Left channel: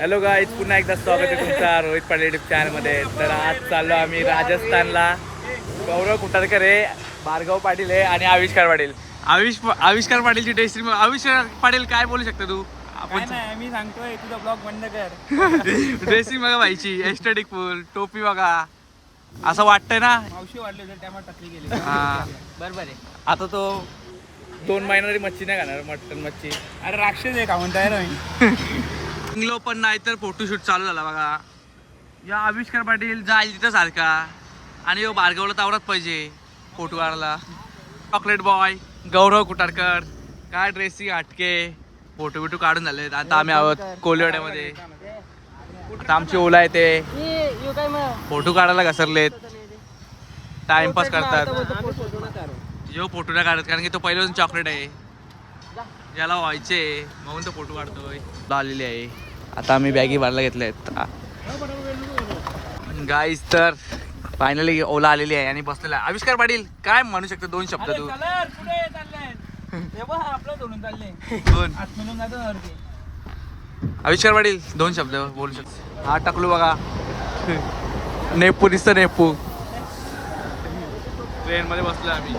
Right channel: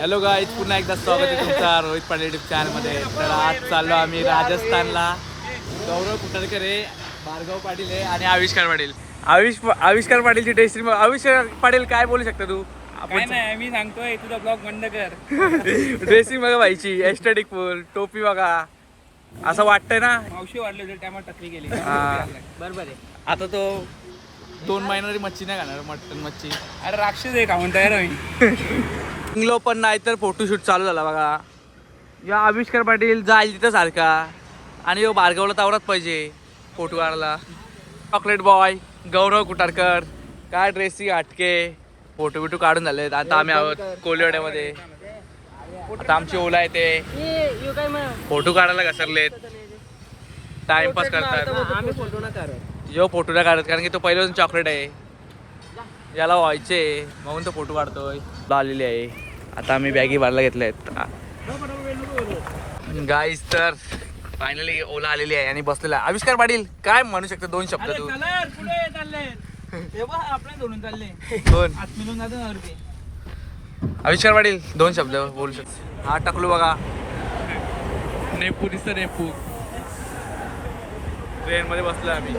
Hello guys, पुन्हा एकदा स्वागत आहे तुमचा रोहित पाटील युट्यूब चॅनलमध्ये. तर आज चाललो आम्ही राजस्थानला. गौरव कुटारकर आहे, भार्गव पाटील आहे आणि आविष्कार पाटील. आविष्कार पाटीलची टेस्टिंग. आविष्कार पाटील काय बोलू शकता तू? काय नाही, मी सांगतोय तुझा ब्लॉग बंद कर. ड्रेसिंग बघा व्हायची, एस्थेटिक फुल, टोपी बघा, असं वाटतंय ना. मावशी वाढले होते, टमाटर टकरी गेली. बरोबर आहे. आता तो 2 महिन्याची मच्छी नाही खाणार, मटन मच्छी. अरे राक्षस आहे का म्हणताय रे मी. इंग्लो पण नाही तर फोटोशूट चालू झाला बघा. या आविष्कार पाटील जाईल तिथं सारखा आणि यो भार्गवला तावरात पाहिजे फोटो काढायला. चॉकलेट बॉय गौरव कुटारकर काय ड्रेसिंग हटके, फोटो बिटो काढून झाले. आता आम्ही आहोत कोलिवाड्यामध्ये. आता आमची ओला येते, फोटो काढायला घसरलेत, टाइमपास करतात. जो फोटो नाही काढत कारण की तो पहिल्यापासून चॉकलेट आहे, याला व्हायचे म्हणून तो फोटो काढतोय. आलेली आहे. आता आम्ही बॅगी भरायला घेतल्या आहेत गाईज. तर फायनली ओला आलेली आहे आणि बसलेला आहे. आविष्कार पाटील काय म्हणू शकतो 2 शब्द तू? कोण आविष्कार पाटील 2 शब्द बोलू शकतो? हा टाकलो बघा, नेपू दिसतं, नेपू. ट्रेन मध्ये बसलोय आम्ही.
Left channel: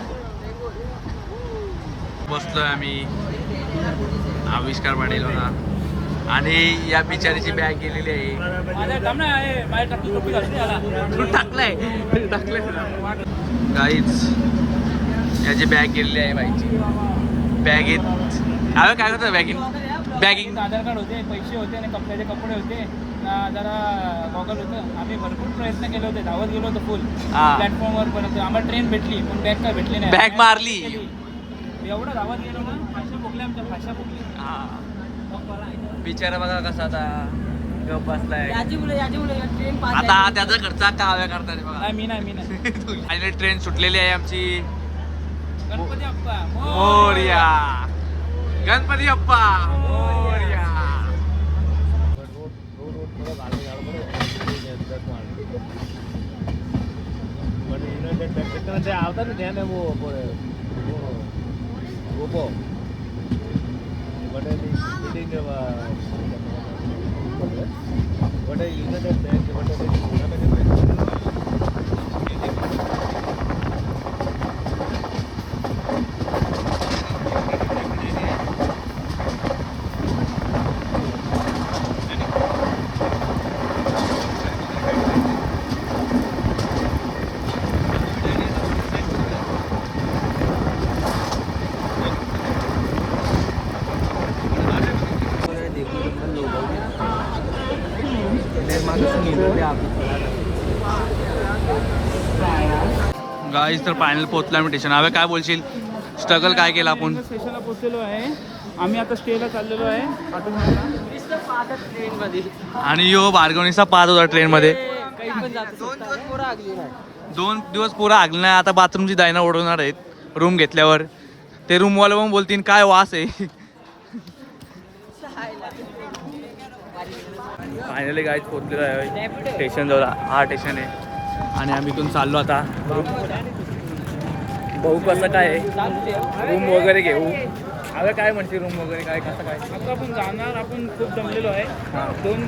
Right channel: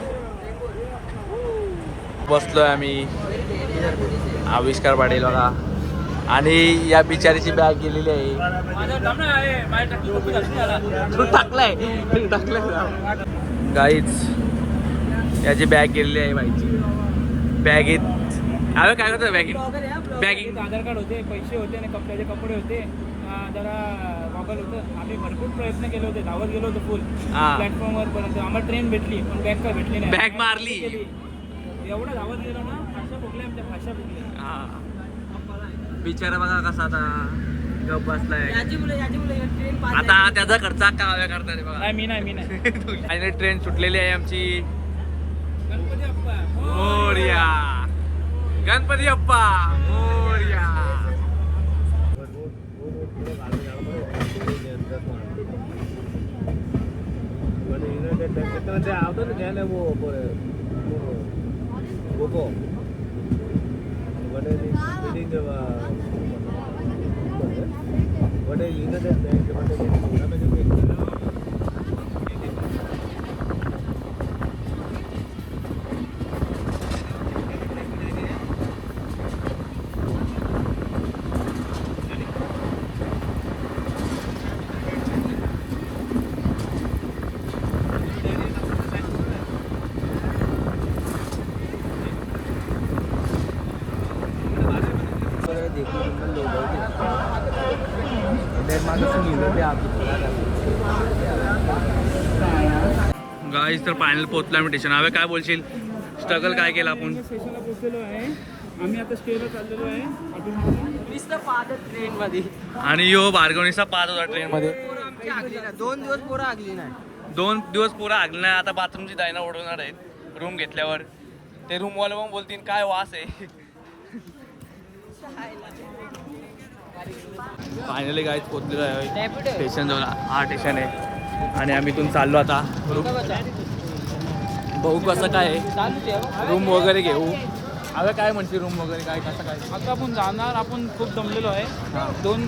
आविष्कार पाटील बघा आणि या बिचारीची बॅग गेलेली आहे. तू टाकलाय गाईच, याची बॅग गेलेली आहे बाईची. बॅगेत काय करतो? बॅगिंग आधार कार्ड होते, पैसे होते आणि कपड्याचे कपडे होते, जरा गॉगल होतं. आम्ही भरपूर प्रयत्न केले होते, धावत गेलो होतो फुल प्लॅटफॉर्मवर, पण आम्हाला ट्रेन भेटली पण बॅग काय भेटली नाही. बॅग मारली. एवढं धावत गेलो ना, भाषा भोगली, आमच्या भाषा भोगली. बिचारा बघा कसा आता गप बसलाय. आता त्याचा खर्च काव्या करता रे बघा. मी नाही आणि ट्रेन सुटलेली आहे आमची. गणपती अप्पा मोरया, गणपती अप्पा मोरया. गाईज तर फायनल पोहोचला आम्ही स्टेशन. हवे काय बोलशील? स्ट्रगल काय केलं आपण? स्टेशनला पोहोचलेलो आहे आम्ही. आता स्टेला चाललेलो आहे ट्रेन मध्ये. आणि यो भार्गवनीचा 5 होता ट्रेन मध्ये. 2 दिवस पुरा आगला नाही. आता बाथरूमची दायना ओढवणार आहेत रूम घेतल्यावर. ते रूमवाले पण बोलतील काय वास आहे. फायनली गाईज पोहोचलेलो आहे स्टेशन जवळ. हा स्टेशन आहे आणि आम्ही इथून चाललो आता रूम. भाऊ कसं काय रूम वगैरे घेऊ? अगं काय म्हणते रूम वगैरे काय कसं काय? आता आपण जाणार, आपण खूप दमलेलो आहे. 2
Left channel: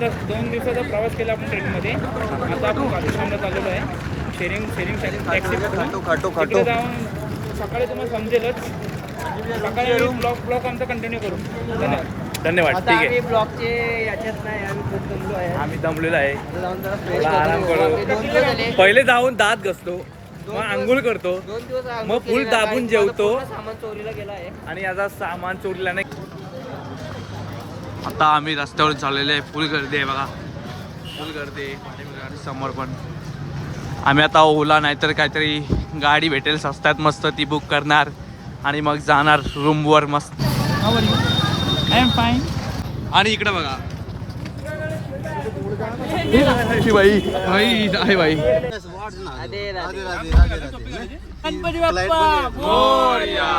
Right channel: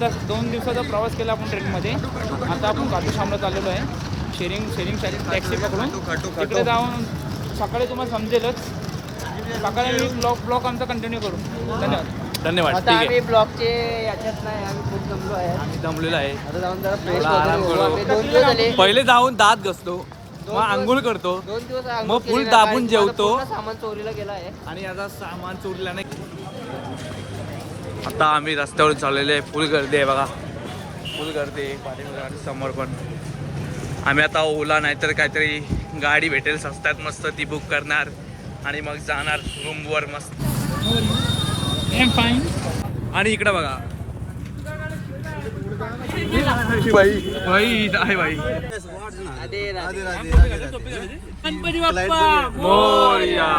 दिवसाचा प्रवास केला आपण ट्रेनमध्ये. आता आपण कापूश्यामला चाललेलो आहे. शेअरिंग टॅक्सी तिकडे जाऊन सकाळी तुम्हाला समजेलच. सकाळी ब्लॉग आमचा कंटिन्यू करू. धन्यवाद. ठीक आहे. ब्लॉगचे याच्यात नाही, आम्ही खूप दमलो आहे. आम्ही दमलेलो आहे, थोडा आराम करू. पहिले जाऊन दात घसतो, मग आंघोळ करतो, मग फुल दाबून जेवतो. सामान चोरीला गेला आहे आणि याचा सामान चोरीला नाही. आता आम्ही रस्त्यावर चाललेले आहे. फुल गर्दी आहे बघा, फुल गर्दी आहे पाठीमागे समोर पण. आम्ही आता ओला नाहीतर काहीतरी गाडी भेटेल स्वस्तात मस्त, ती बुक करणार आणि मग जाणार रूमवर मस्त. I am fine. आणि इकडे बघा बाई आहे बाई. गणपती बाप्पा मोरया.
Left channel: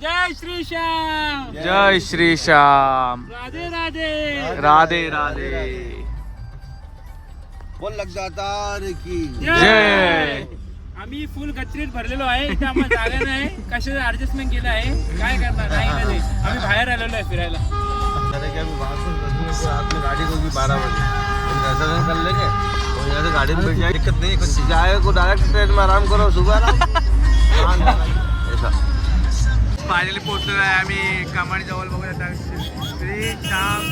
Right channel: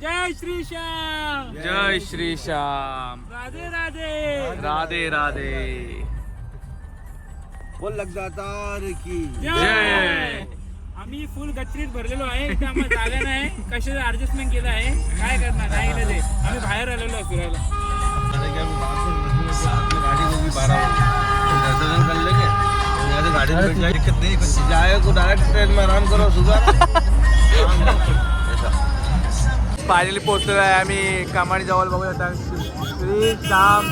जय श्री श्याम. जय श्री श्याम. राधे राधे. राधे राधे. बोल लग जाता रे की जय. आम्ही फुल गच्चीत भरलेलो आहे. इथे आम्हाला जागा नाही, कशाचं ऍडजस्टमेंट केलं आहे, काय करणार नाही. आम्ही बाहेर आलेलो आहे फिरायला. में गाड़ी होगी 12 बजे ऐसा नहीं कर लेंगे तो गाड़ी में बैठ जाएंगे दिक्कत नहीं जाए को डायरेक्ट ट्रेन में आराम करो सुबह ऐसा फायनली पोहोचलेलो आहे आम्ही कामाडी जवळ बघू आता श्री श्याम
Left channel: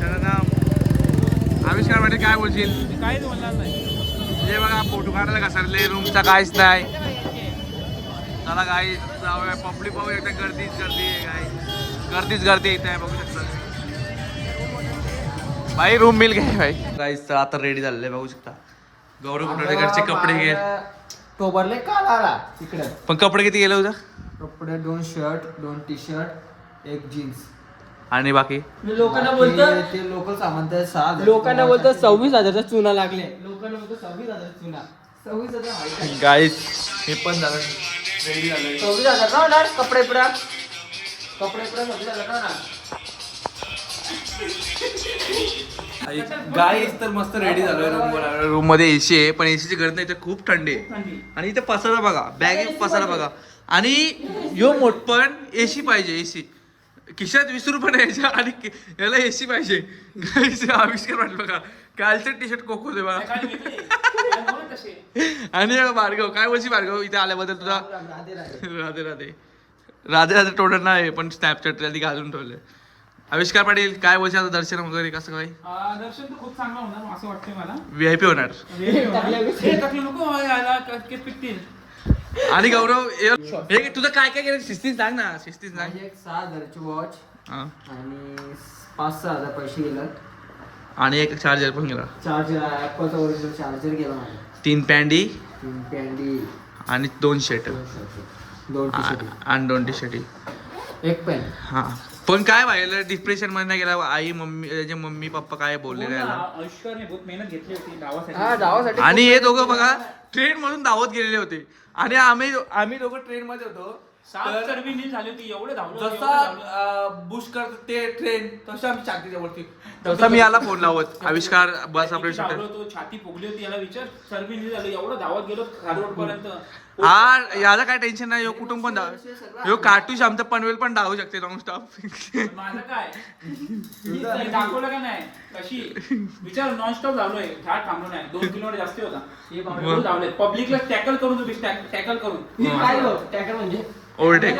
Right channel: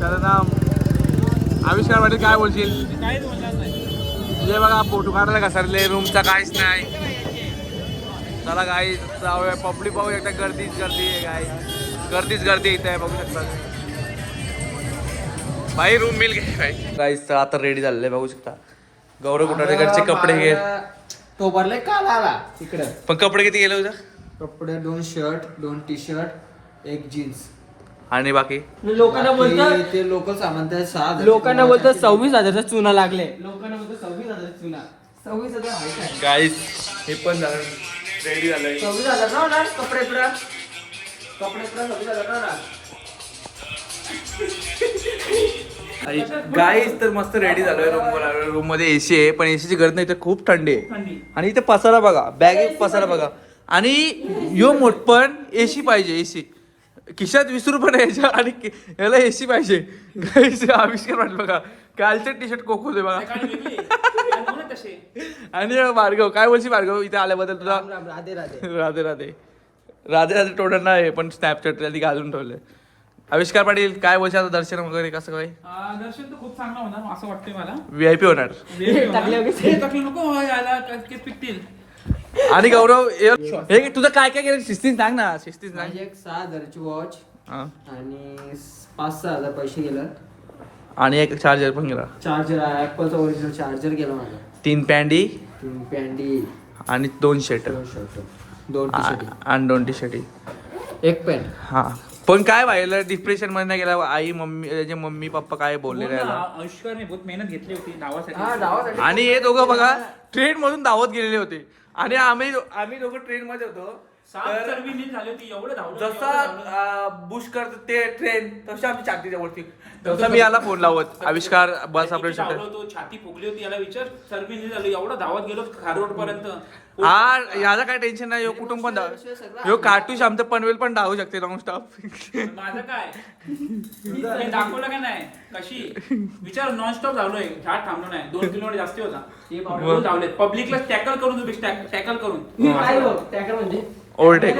शरणम आविष्कार पाटील काय बोलशील काहीच बोलणार नाही जे बघा फोटो काढायला घसरले रूमचा काहीच नाही चला गाई जाऊया पब्लिक बघू शकता गर्दीच गर्दी आहे गाई गर्दीच गर्दी इथे आहे बघू शकता भाई रूम मिल गए भाई गाईस आता रेडी झालेले बघू शकता गौरव कुठाळेकरचे कपडे घे तो भरले काल आला तिकडे पण कपडे किती गेले होतं कपडे 2 शर्ट 2 टी शर्ट 1 जीन्स आणि बाकी लोकांना बोलतात ते लोकल सामान ते 6,000 लोकांना बोलतात 26,000चा चुना लागले लोकांना बोलतात 26,000 चुना 26,000 गाईस मी पण झालं रेडी झालोय 26,000 ना कपडे पुरा मध्ये झालं ना गाईस तर मस्त रेडी झालोय रूम मध्ये एसी आहे पण एसीची गरज नाही तर खूप थंडी आहे आणि इथे पसारा बघा बॅग पसारा बघा आणि यो मोठ पण एसी पाहिजे एसी खिशात 20 रुपये यायच्या आणि याला एसी पाहिजे गाईस आविष्कार वाटलं बघा कालचे टी शर्ट कोको दे बघा आणि भार्गव काय बोलशी भार्गव इथे आल्याबद्दल तुझा राधे राधे राधे राधे राधे राधे टोटल नाही पण स्नॅपचॅट आधी घालून ठेवले आविष्कार पाटील काय बोलશે आता दर्शन वगैरे कसं काय दर्शन तर खूप चांगलं होणार असं वाटतंय मला VIP होणार नको पिकतील आणि गौरव हे तुझं काय काय केलं शिस्तीन सांग ना शिस्तीन सांग माझी एक 6,000ची वॉच हा. आणि 5-6,000 पैसे गेला आणि एक चार्जर पण गेला चार्जर ऍपलचा ओरिजिनल चार्जर गेला माझा 3 पॅन्डी 3 पॅन्डी आणि 2 शर्ट 2 टी शर्ट आणि 2 टी शर्ट 1 पेन हा पण काय व्हायला डिप्रेशन मध्ये नाही गेला आई मम्मी त्याचे मम्मी पप्पा काय बोलले त्याला आयुष्यभर बहुत मेहनत घेतली होती हा धावासाठी आणि हे दोघं बघा ट्रेन मधून धावत गेलेले होते आणि आम्ही दोघं ट्रेन मध्ये होतो तर झाली होती एवढं धावलो जसा बुश करत ते ट्रेन तसं आमची छातीच्या वरती तसं मी याला फोन लावत आविष्कार बस आपल्या तो छाती फुगली होती याला विचार सर्व झाली एवढं धावत गेलो खारोड पर्यंत हा याला काय टेन्शन नाही कुटुंब पण ह्यो कार्टूश आमचं पनवेल पण धावू शकते नॉन स्टॉप माझं काय मी दाखवलं का नाही कशी विचार नॉनस्टॉप धावलोय झाड थांबलो नाही 2 किलोमीटर जास्त होता धावले पब्लिकला टॅकल करून तुम्ही टॅकल करून काय टॅकल म्हणजे ओव्हरटेक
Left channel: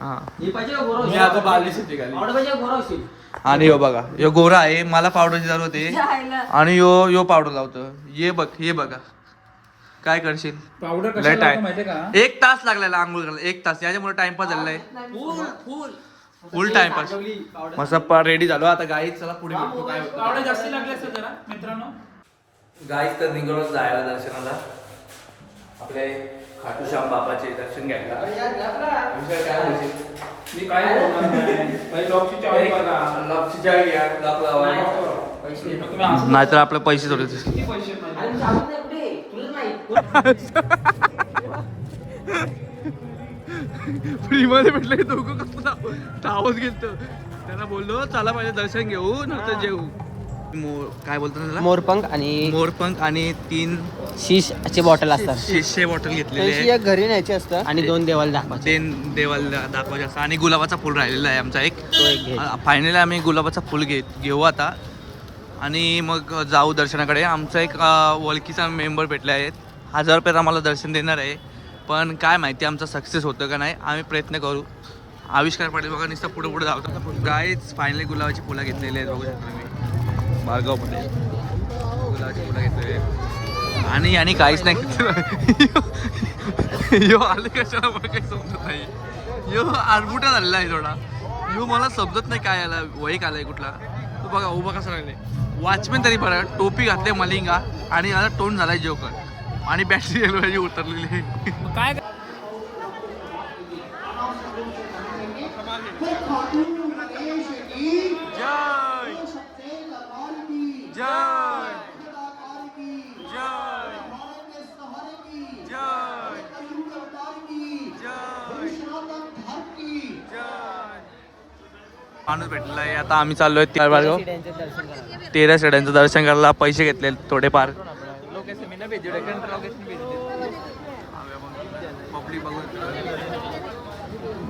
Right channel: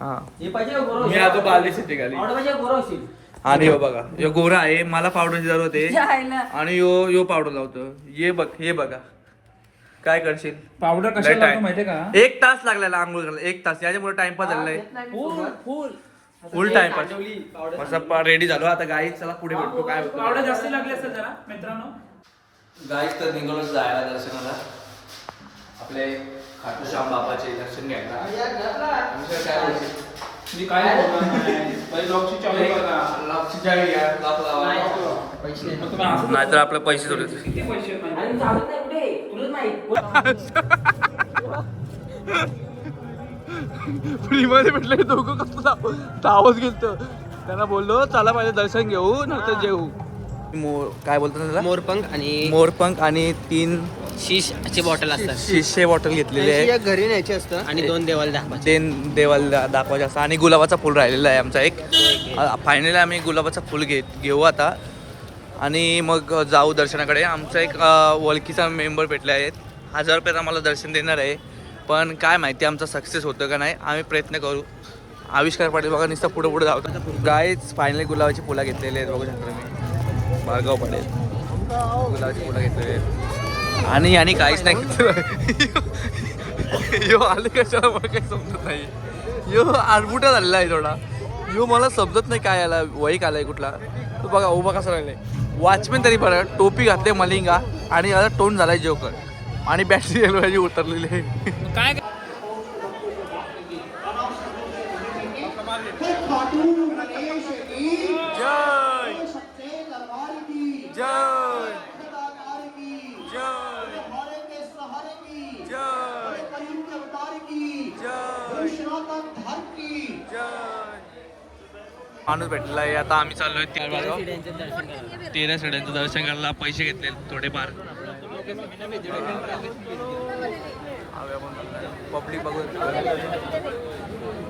हा हे पाहिजे गोरा मी आता बालीस येते खाली आवडा पाहिजे गोरा होशील आणि यो बघा यो गोरा आहे मला पावडरची जरूर होते आणि यो पावडर लावतो हे बघा काय करशील पावडर लय कशी टाइम माहितीये का 1 तास लागलेला आंघोळ करायला 1 तास याच्यामुळे टाइमपास झालेला आहे फुल टाइमपास मस्त रेडी झालो आता गाईच चला पुढे भेटतो काय होतं पावडर जास्त लागले असतात जरा मित्रांनो गाईच तर निघालो जायला दर्शनाला आपले खाटूश्याम बाबाचे दर्शन घ्यायला काय बोलशील मी काय बोलणार नाही. पहिले लॉकची चावी बघा. नाहीतर आपले पैसे थोडे किती पैसे आहेत माहिती? अरे चालत नाही कुठे तुला नाही फ्री मध्ये भेटले दोघं कसं धावत गेलतो त्यांना बोललो चला पहिले दर्शन घेऊ नंतर जेऊ काय बोलतो त्याला मोरपंख आणि 3 शीशची बॉटल असतात शिशे बॉटल घेतलेले आहे घरी न्यायचे असतात आणि 2 देवाला दाखवायचे देवाला दाखवायचे असं आणि गुलाबाचा फुल राहिलेला आहे आमचा एक फायनली आम्ही गुलाबाचा फुल घेऊ आता आणि मग जाऊ दर्शनाकडे आमचा एक ओळखीचा मेंबर भेटले आहेत 1000 रुपयात आम्हाला दर्शन देणार आहे पण काय माहिती आमचा सक्सेस होतं का नाही आम्ही प्रयत्न करू आविष्कार पाटील बघा नुसतं पुढे पुढे धावतो गाईच फायनली गुलाबाची फुलं घेतलेली आहेत बघू शकतो मी भार्गव पडेल गुलाबाची फुलं घेतलेली आणि काहीच नाही घेतलं यो आले कशाला मला काही समजत नाही यो आरबुटा झालेला आहे थोडा यो मला समजत नाही काय आला वैक आलाय कुठला तो बघा उभा कसा राहिलाय वॉचमॅन तरी बरं टोपी घातले मलिंगा आणि याला तोंड झालाय जोकर आणि बॅटरी रेल्वेची उतरलेली आहे काय जय जय जय जय जय माणूस भेटलेला आहे आता आम्ही चाललोय 13 शेड्यांचं दर्शन करायला पैसे घेतले थोडेफार पब्लिक बघून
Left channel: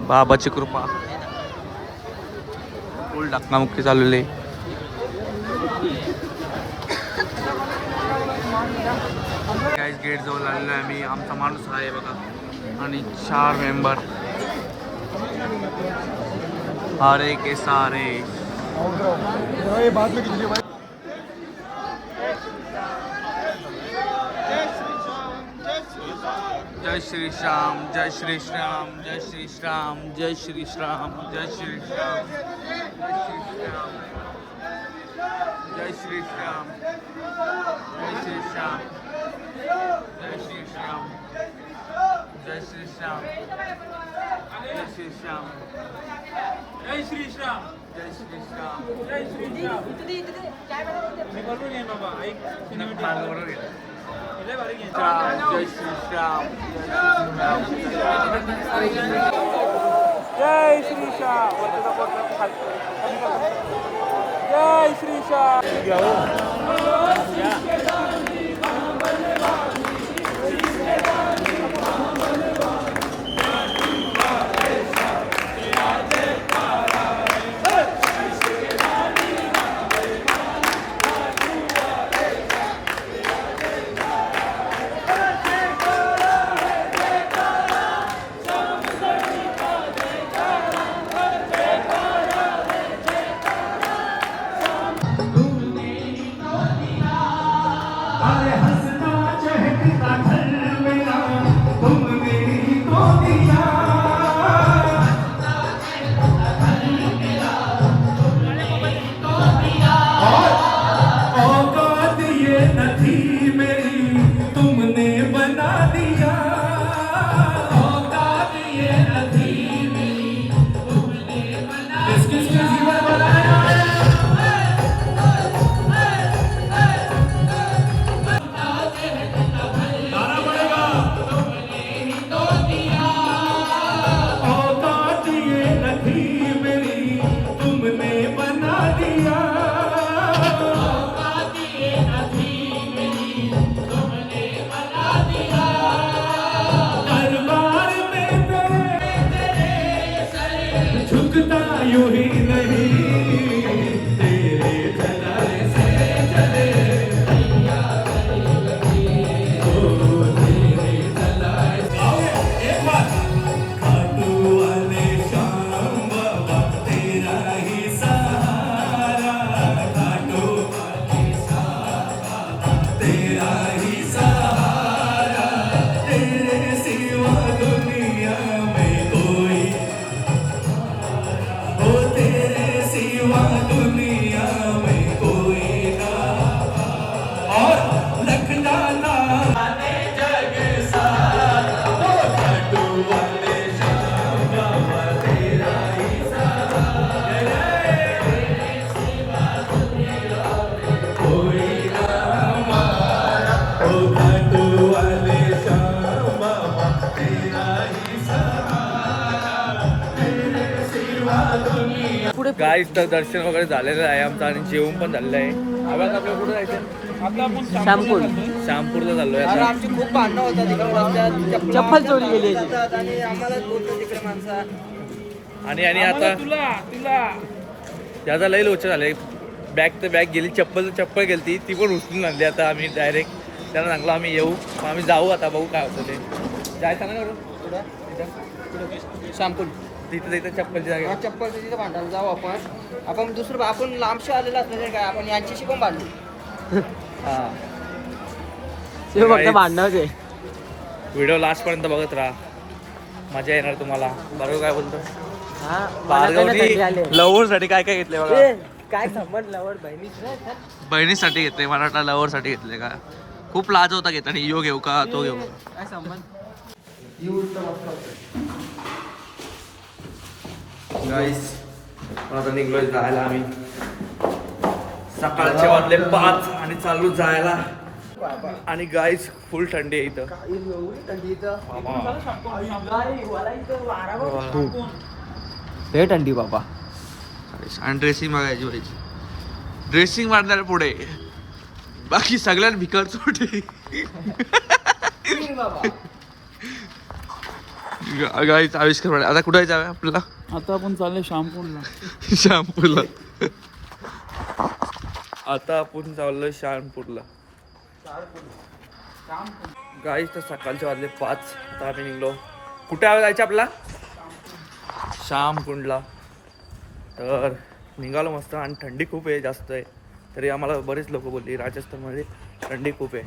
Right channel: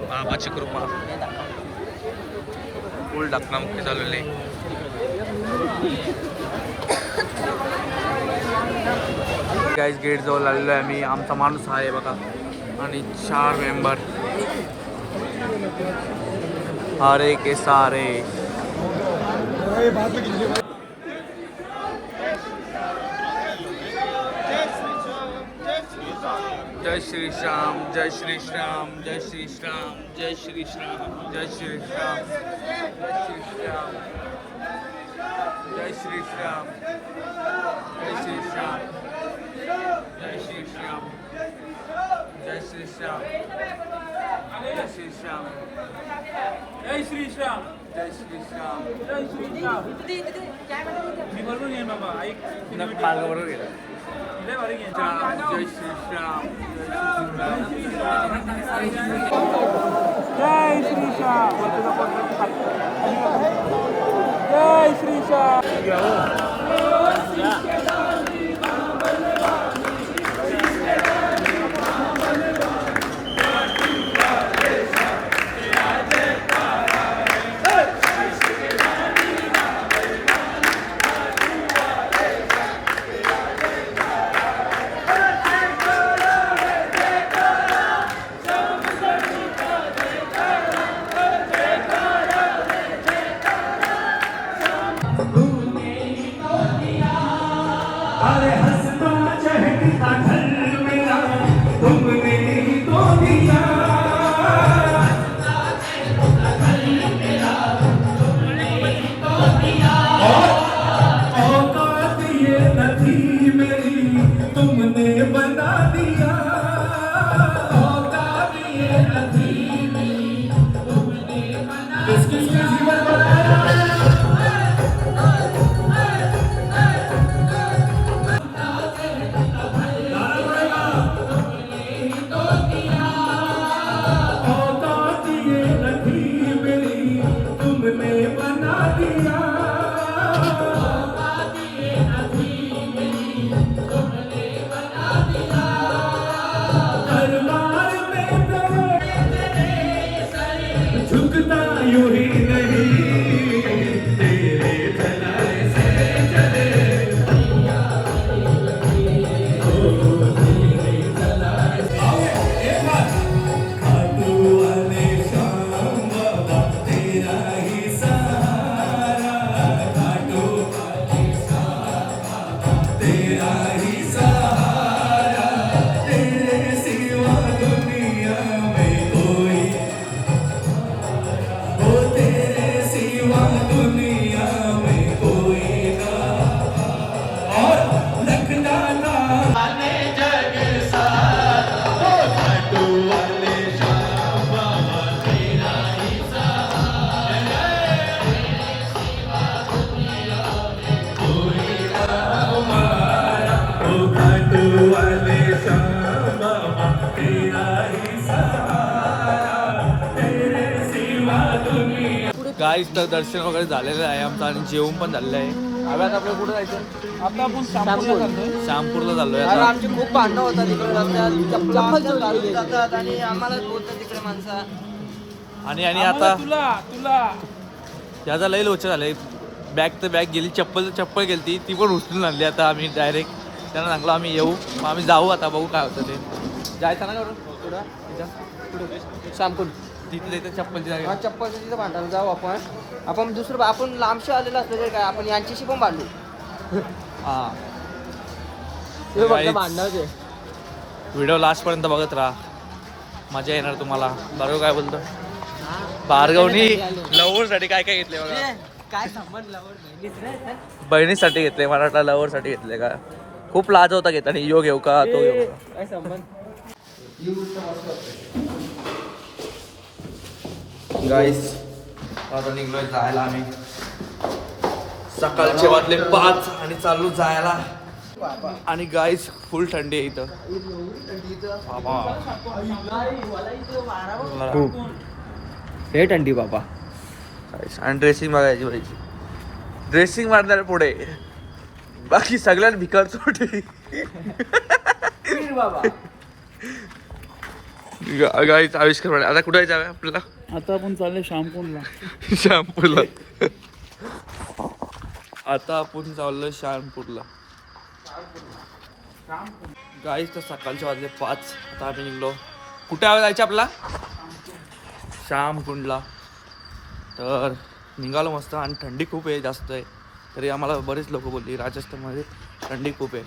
बाबाची कृपा फुल धक्कामुक्की चालवली. गाईज गेट जवळ आलेलो आहे आम्ही. आमचा माणूस आहे बघा आणि 4 मेंबर. अरे के सारे जय श्री श्याम, जय श्री श्याम, जय श्री श्याम, जय श्री श्याम, जय श्री श्याम, जय श्री श्याम, जय श्री श्याम, जय श्री श्याम, जय श्री श्याम, जय श्री श्याम, जय श्री श्याम, जय श्री श्याम, जय श्री श्याम, जय श्री श्याम. मार्ग बरोबर गेला. श्याम, जय श्री श्याम, जय श्री श्याम, जय श्री श्याम. गाईस तर दर्शन वगैरे झालेलं आहे आमचं आणि जेवण पण झालेलं आहे. आता आपल्याला कुठं जायचं? आता आपण शॅम्पूला चाललोय. श्यामपूरला चाललोय आता. आमची खूप भांडणं होतात तिकडे रस्त्यात. चप्पल चोरी जातात आणि आम्हाला बोलतात तिकडे माणसा. आणि आता तुला त्याचा लई लोचा झालाय. बॅग तर बॅग गेली, चप्पल गेली ती पण उचलून आणली. आता आम्ही डायरेक्ट त्यांना सांगलो आम्ही येऊ, मग आम्ही जाऊ. आता बघू काय होतं ते. जायचं ना करून पुढं शॅम्पूल तिथलं इथं चप्पलची जागा. चप्पलचं तिथं भांडायला जाऊ आपण दुसरं आपण लांबशी आलेलो असलं तर काय आपण यांच्याशी पण भांडू. हां भांडणार काय. व्हिडिओ लास्टपर्यंत बघत राहा, मजा येणार तुम्हाला. बरोबर काय बोलतो लव्हरसाठी काय काय घेतले मला? काय संबंध लवर बहिणीसाठी घेतले, मराठा लव्हरसाठी घेतले का? खूप लाज होता घेत आणि यो घेऊ का तो घेऊ का? काय संबंध. गाईस आता निघलोय जायला आम्ही. सकाळचे वाजले 5 आणि चालू जायला. आणि गाईस फुल थंडी आहे इथं. हे थंडी बाबा. आणि ड्रेसिंग बघायची पाहिजे. ड्रेसिंग मारणार पुढे, बाकी सगळ्यात भिकार चोटे. गाईच आविष्कार पाटील. आता कुठे जाऊया आपल्याला? आता आपण चाललो शॅम्पूला. शॅम्पूला. आता आपण चाललोय शॅम्पूरला. गाईच तर सकाळचे वाजले 5. आता आम्ही निघलो. कुठे जायचं आपला? श्यामकुंडला. तर निघालो मस्त. आणि थंडी खूप आहे, जास्त आहे. तरी आम्हाला बरेच लोक बोलली राजस्थानमध्ये थंडी खूप आहे,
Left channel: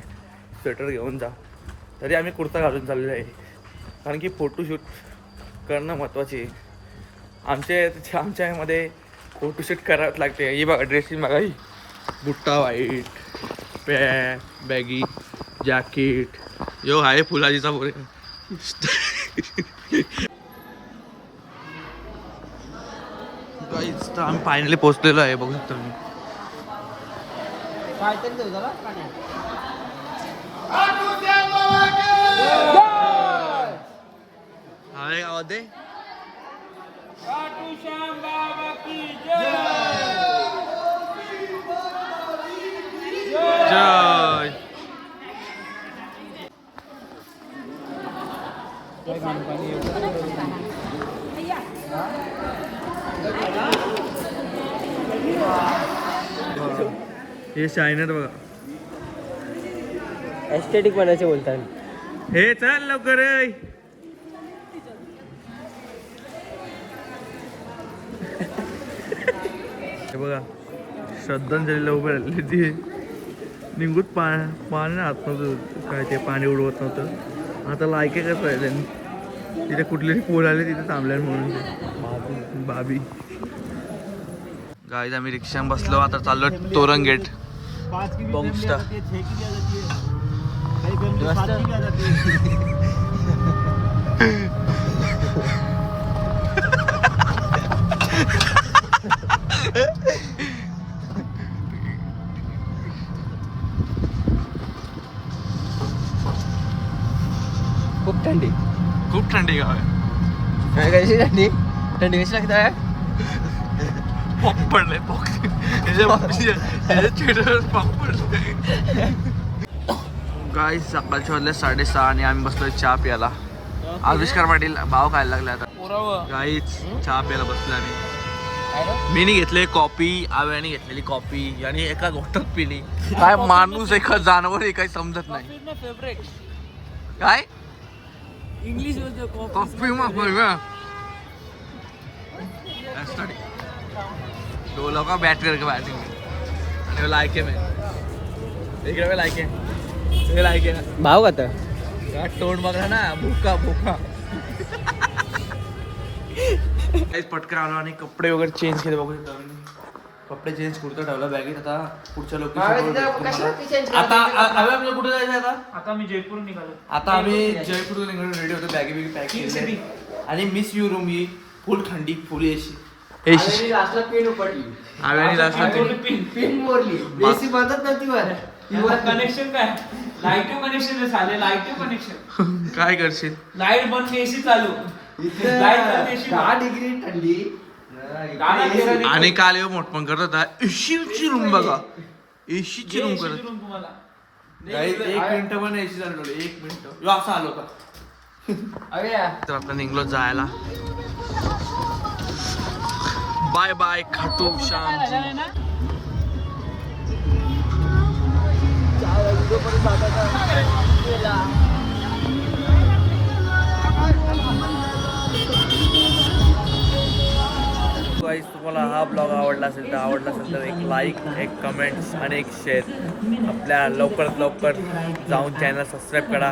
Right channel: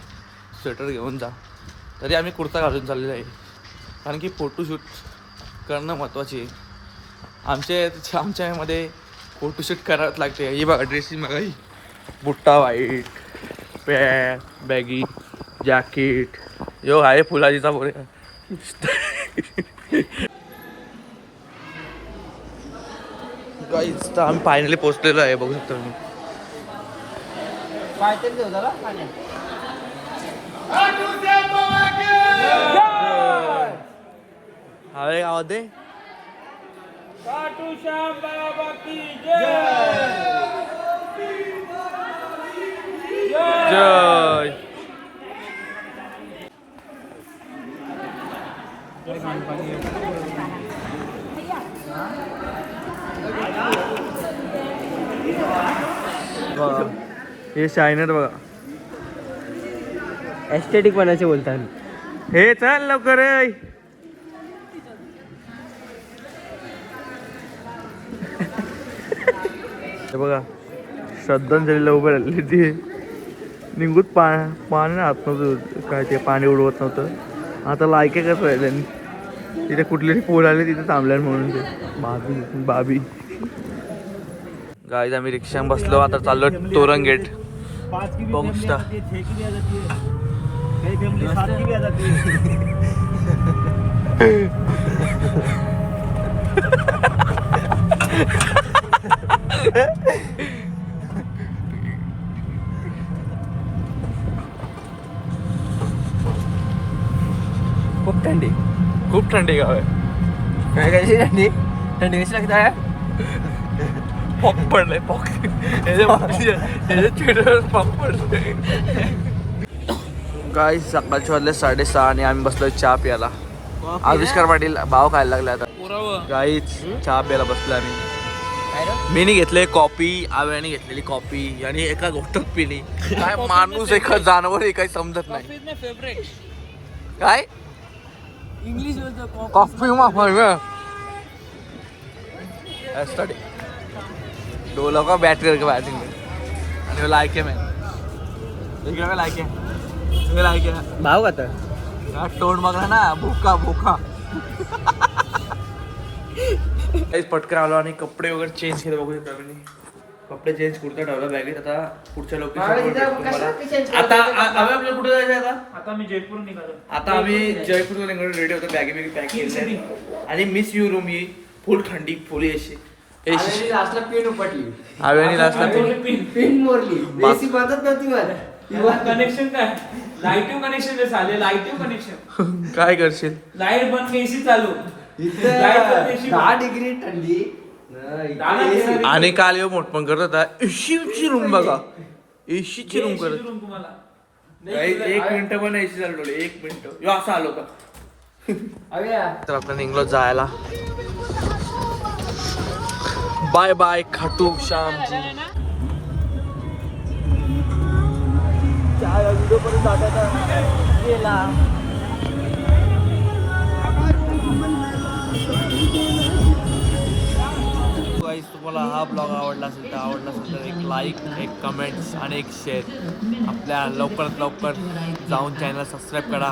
स्वेटर घेऊन जा. तरी आम्ही कुर्ता घालून चाललेलो आहे, कारण की फोटोशूट करणं महत्त्वाचे आहे. आमच्या यामध्ये फोटोशूट करावंच लागते. ही बघा ड्रेसिंग बघा, ही बुट्टा व्हाईट, पॅन्ट बॅगी, जॅकेट. यो आहे फुलाजीचा बोरे. गाईज तर आम्ही फायनली पोहोचलेलो आहे, बघू शकता तुम्ही. हवे गावात जय. हे शायनर बघा, एस्थेटिक बनायचे बोलतात. हे चल लवकर. हे बघा श्रद्धांजलीला उभं राहिली ती. निघूत पाणी राहत नव्हतं, काय ते पाणी उडवत नव्हतं. आता लायके कसं राहिले तिथे कुठली पोर आली तिथे थांबल्या म्हणून ते बाबी. गाईज आम्ही रिक्षात बसलो. आता चाललो तोरण गेट. खूप थंडी गाव आहे. थंडी थंडी कशी लागत आहे? पॉप पडलंय, पॉप पडलंय. गाईज सकाळच्या वाजले 6:30 आणि आम्ही बसलोय चहा प्यायला. आविष्कार पाटील भाव खायला लागले आता. गाईज चहा प्यायला बसलो आम्ही. मीनी घेतले कॉफी, आव्याने घेतलेली कॉफी आणि एका गोष्टच पिली. काय माणूस एका जानवर आहे, काही समजत नाही. काय इंग्लिश कॉफी दो लोग का बैट करके बैटिंग में आणि लायके में इकडे में लायके तुम्ही लायके भाव खाता तोंड बघा ना, भुका भुका. पटकन आलो आणि कपडे वगैरे चेंज केले. बघू शकता तुम्ही, कपडे चेंज कुर्ता ठेवला बॅगेत. आता पुढच्या लोकेशन आता आम्ही आपल्याला कुठे जायचं आता? आता मी जयपूर निघालो. आता आम्ही जयपूरला निघालो. रेडी होतो, बॅगी बिगी पॅक केली आणि मिस यू रूम ही फुल थंडी, फुल एसी. लास्टला पिन उपटली. आव्यानी लास्टला पिन मोरली. एसी बंदच नव्हती वर. कनेक्शन काय? लाईटिव्ह कनेक्शन झाले. लाईटिव्ह कनेक्शन काय करशील? लाईट बंद, एसी चालू. 10 डिग्री थंडी. आणि काल येऊ मोठ पण करत होता. एसीची रूम बघा, एसीची रूम करत. एक मिनिट पण एसी चालू, 1 मिनिट. यो असा आलो का? तर आपण निघलो जायला. Bye bye Khatu Shyamji. Guys तुम्हाला हा ब्लॉग आवडला असेल तर एक लाईक, एक कमेंट्स आणि एक शेअर. आपल्या लवकरात लवकर जाऊन चॅनल सबस्क्राईब करा.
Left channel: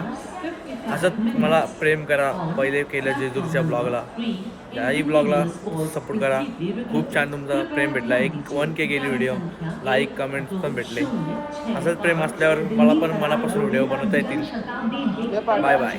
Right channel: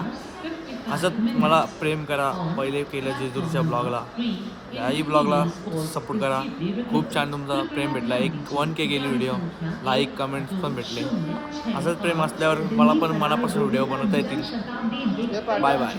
असंच मला प्रेम करा. पहिले केलं जेजूरच्या ब्लॉगला, याही ब्लॉगला सपोर्ट करा. खूप छान तुमचा प्रेम भेटला. 1K गेली व्हिडिओ, लाईक कमेंट्स पण भेटले. असंच प्रेम असल्यावर मला पण मनापासून व्हिडिओ बनवता येतील. Bye bye.